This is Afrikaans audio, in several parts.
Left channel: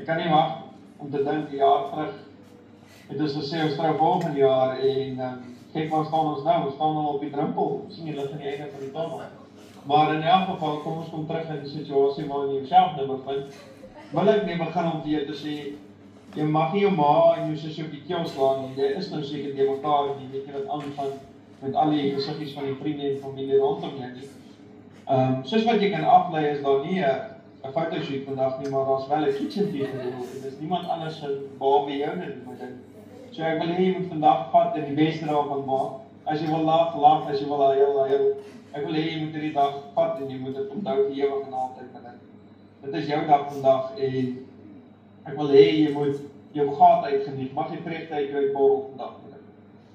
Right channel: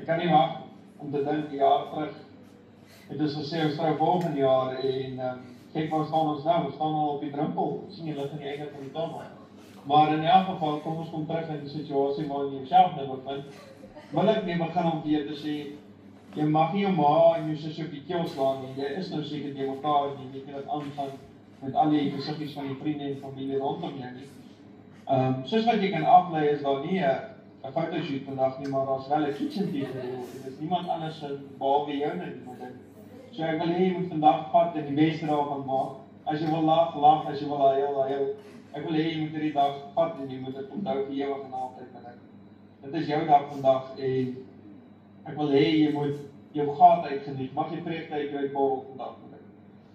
Ik kan niet wachten om te denken, een jaar terug. Het is gesê, ons trou volgende jaar en kijk waar staan ons nou, we staan al op die drempel, sien jy lig in die einde van die tunnel. Maar in elk geval, kom ons kom terug in die situasie waarin jy jouself nou bevind. Wil ek nie begin om weer te sê, jy mag nie jou ma en jou sussie op die keel slaan nie, jy is nou seker die mekaar nie, weet jy wat aangaan met al die gesiggies van die vriende en familie rondom jou nie. Soos wat jy kan aflei is daar nie 'n fotoshoot vandag nie, maar daar's wel 'n kitchen tea gereël en dis niemand anders se behalwe jou nie met dit. So ek wil hê jy moet vandag vat en die beste daarvan maak. As jy wil lag, lag, as jy wil huil. Ek wil hê jy moet hierdie dag vat en jy moet dit onthou vir ewig en altyd met dit. Dit is jou dag vandag en ek wil hê jy moet jou gat uitgeniet. Mag jy vreugde uit jou borrel vandag met dit.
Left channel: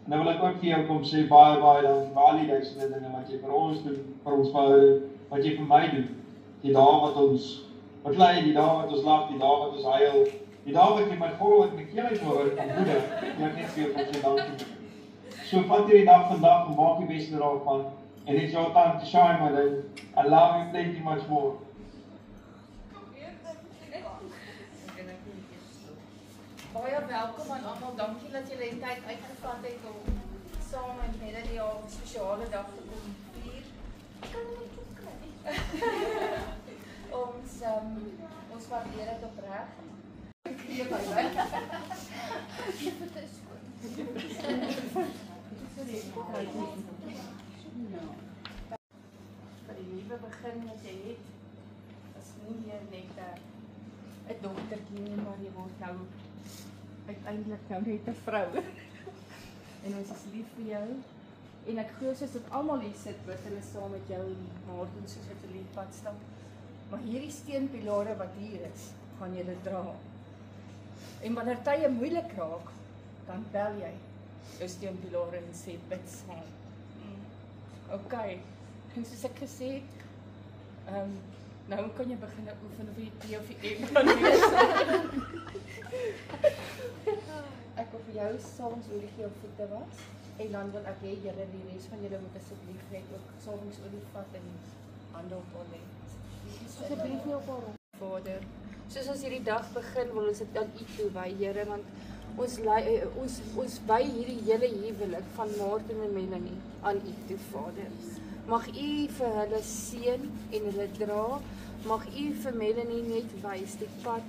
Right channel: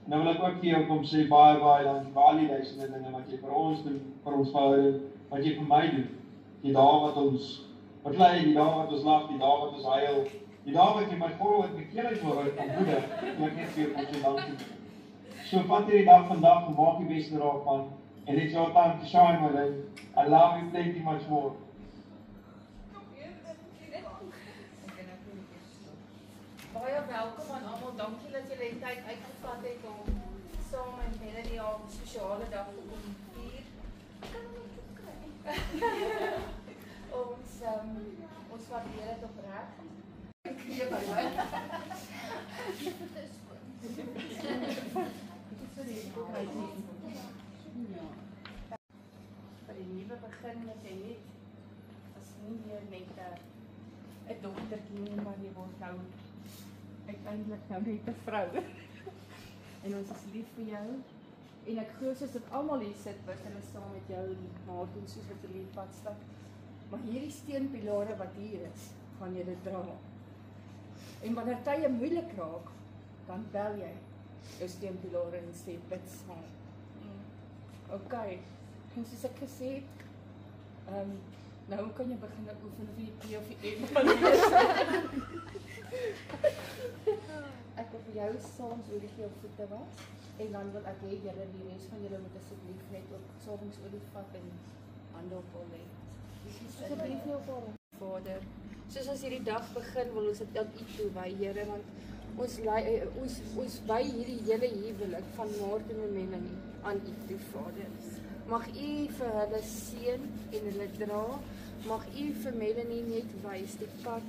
En dan wil ek ook vir jou kom sê baie dankie vir al die duisende dinge wat jy vir ons doen, vir ons verhouding, wat jy vir my doen. Die dae wat ons beklei, die dae wat ons lag, die dae wat ons huil, die dae wat jy my vol met die keel uithoor van woede, ek net vir jou kom sê dankie. So vat hierdie dag vandag en maak die beste daarvan. And it's your time to shine, my lady. I love you plenty much more. Baie welkom aan almal. Dankie dat julle die tyd uitgevat het om saam met Melanie haar spesiale dag te kom vier. Ek kan hom nie kry. Ons waardeer dit opreg. Gee by my. Vir die nuwe begin wat jy het, is nie meer net 'n dogtertjie nie, maar jy word nou uiteindelik nou net 'n vrou. En ons is lief vir jou. En ek glo soos dat almal hier sit wat hulle saam met jou en Martin soos wat 'n liefpad stap. Maar hierdie steenpilare wat hier is, gaan jy dit dra. En wanneer tye moeilik raak, dan bel jy jou steenpilare en sê bid saam. Okay. En soos ek gesê het, nou kan jy begin oefen of jy die of die een kan wees. Ek wil vir jou salmsolie gee op voete was. En dan wil ek hê julle die res van julle moet asseblief net ook salmsolie vat en hande op hom lê. Asseblief nie op hom. Vader, soos ons hierdie dag begin, wil ons dit aan U toewy, Here, want ons wy hierdie hele huwelik van Martin en Melanie aan U toe, Vader. Mag U vir hulle seën en hulle dra. Mag U vir Melanie net wys die pad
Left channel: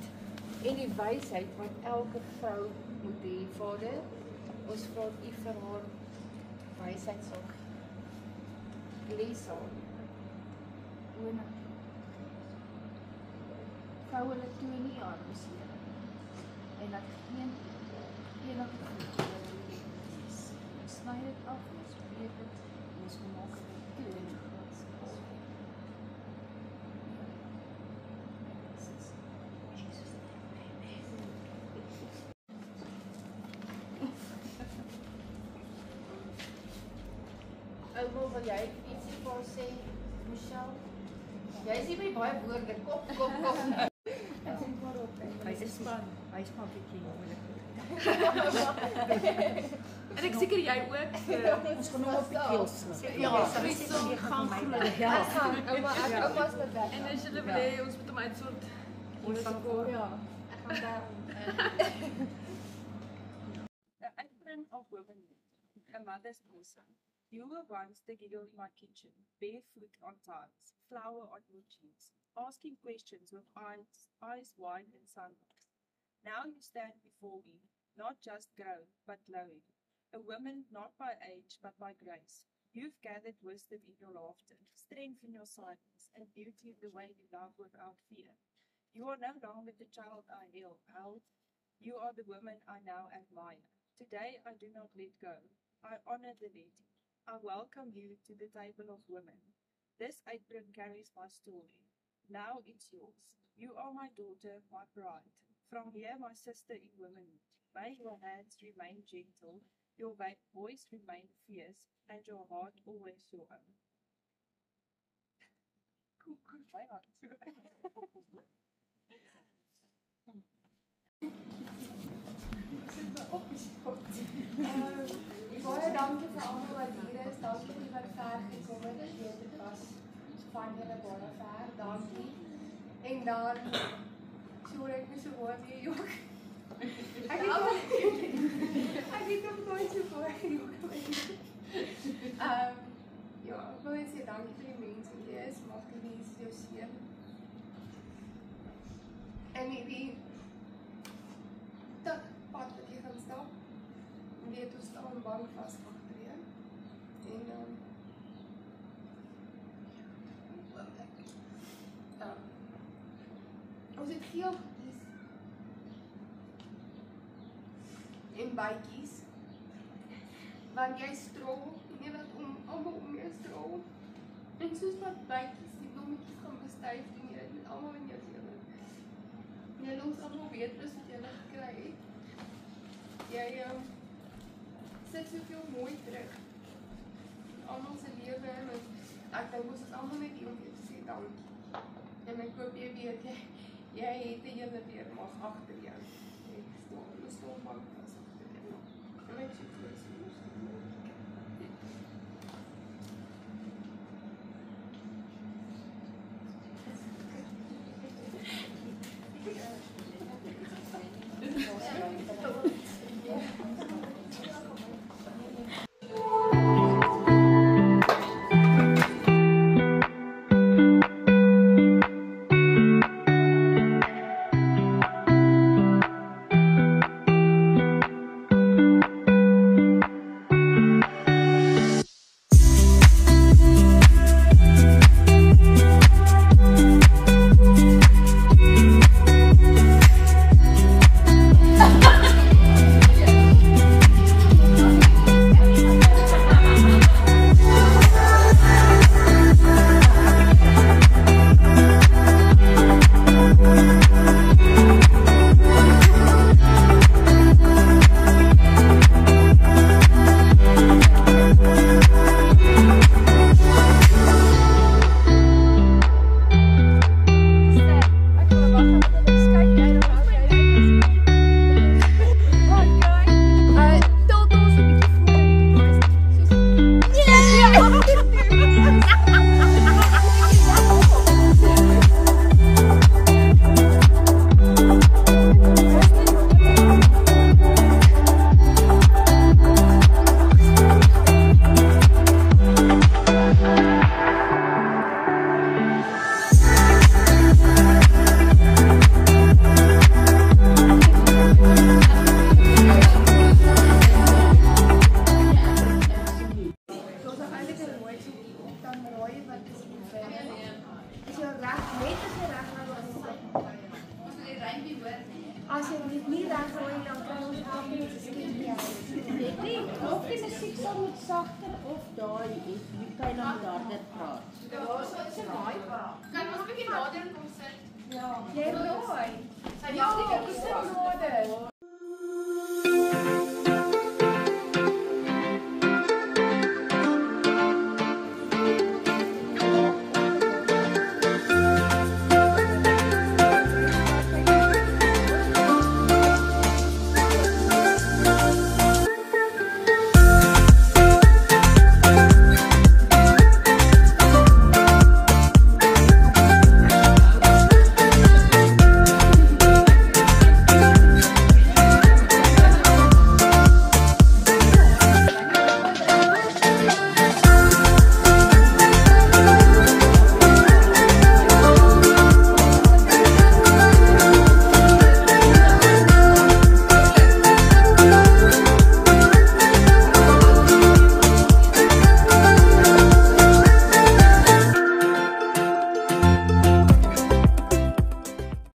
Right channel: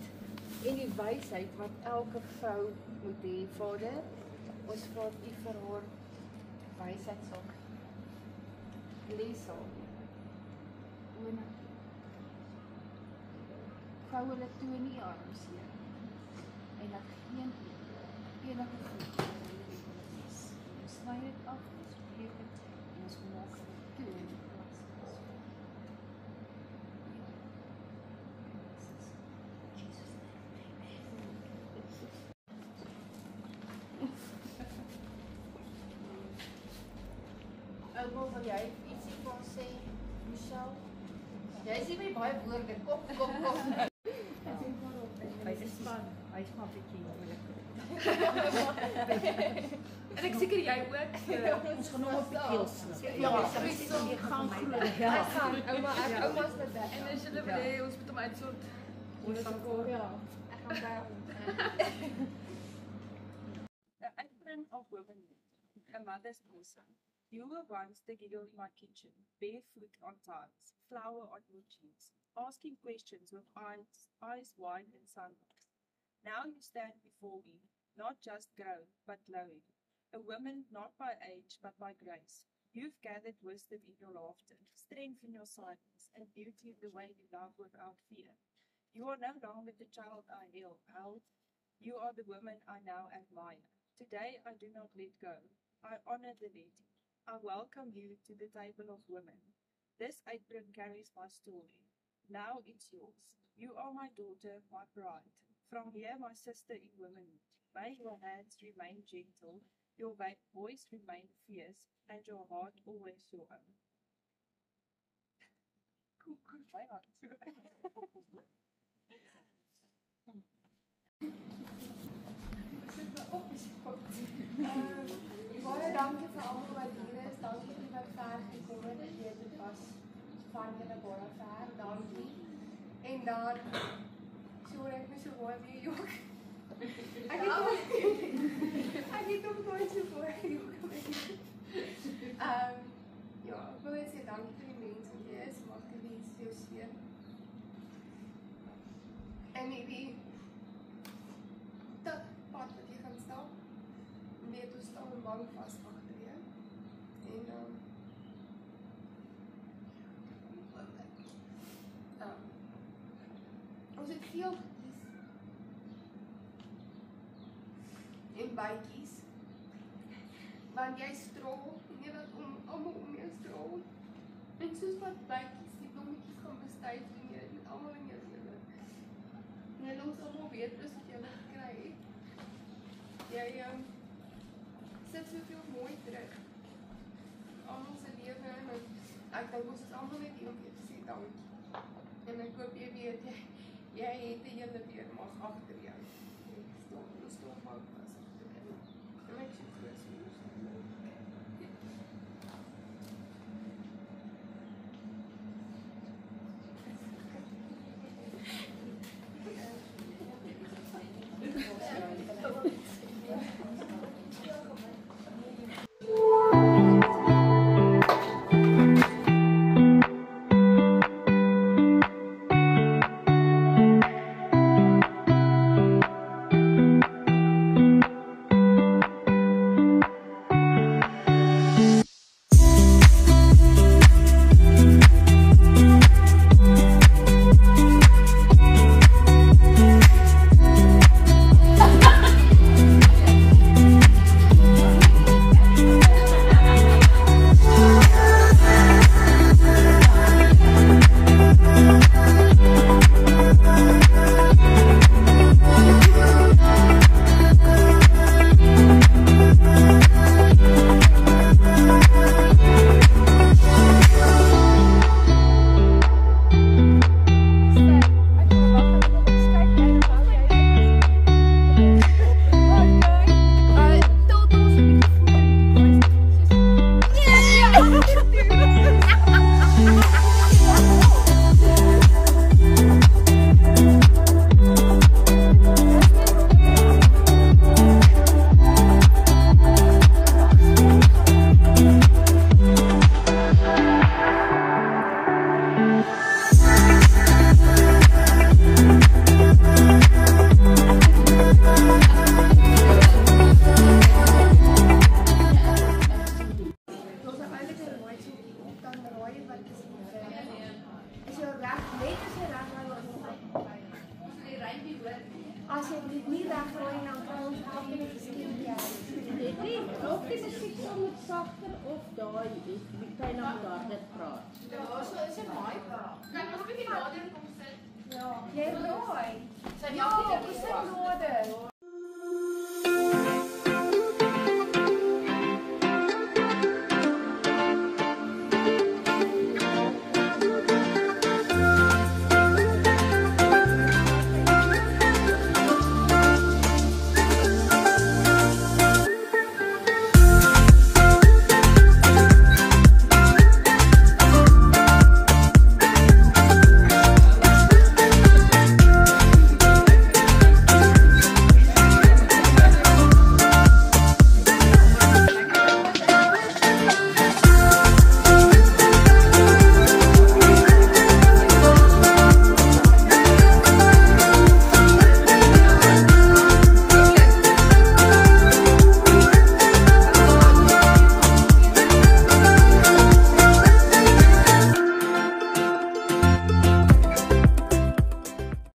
en die wysheid wat elke vrou moet hê, Vader. Ons vra U vir haar wysheid sal gee. Lees haar. Oona. Vou hulle toe in die arms, Here. En dat geen enige voet oor hulle is. af, ons weet dit, en ons maak dit toe in die groot skala. Ouma, wil jy ietsie vir ons sê, Michelle? Jy is nie by baie woorde, kop. Hy is span, hy is maar bietjie moeilik. En ek seker jy ook. Ons gaan nog op die keel slap. Ja, sy sê jy gaan groot. Ja, ouma's met weg. En as jy wil, ons moet hom uitsort. Ons gaan voor. Ja, ek gaan daar. The apron of womanhood, a mother's bosom. You were once the giggle in my kitchen, barefoot on tiles, flour on your cheeks, asking questions with eyes wide and sunlight. Now you stand before me, not just grown, but glowing, a woman not by age, but by grace. You've gathered wisdom in your laughter, strength in your silence, and beauty in the way you love without fear. You are no longer the child I held. You are the woman I now admire. Today I do not let go. I honor the letting. I welcome you to the table of women. This apron carries my story. Now it's yours. You are my daughter, my pride. From here, my sister in womanhood. May your hands remain gentle, your voice remain fierce, and your heart always your own. Baie dankie vir almal wat hier is. Dankie vir wat ver gekom het. Ek weet dit was van julle baie ver. Dankie. En dan sorry ek moet so baie weer jok. Ek het nog nooit so baie jok. Ja, ek wil net sê dankie vir die mense wat hier is. Mag die mense jou seën. En hierdie pad wat jy gaan stap. Weet ons staan een bank vast achter je. En ons het geel gekies. En bykies. Want jy strol en jy laat allemaal om jou strol. En soos wat bykies die blommetjies gaan bestuif doen jy dit met allemaal in jou lewe. En jy los allemaal weet plus wat jy gekry het. Jy sit soveel mooi terug. Almal se lewe en ek dink ons is almal net hier om vir te sê dankie. En ek hoop jy weet jy het die hele weermag agter jou. Ek staan van vas agter jou. En ek sê vir sagter of daai is wie kan nou harder praat? Ja, so is dit baie praat. Kan ons 'n bietjie nader kom sit? Jy raai. Ja, Kom sit nader.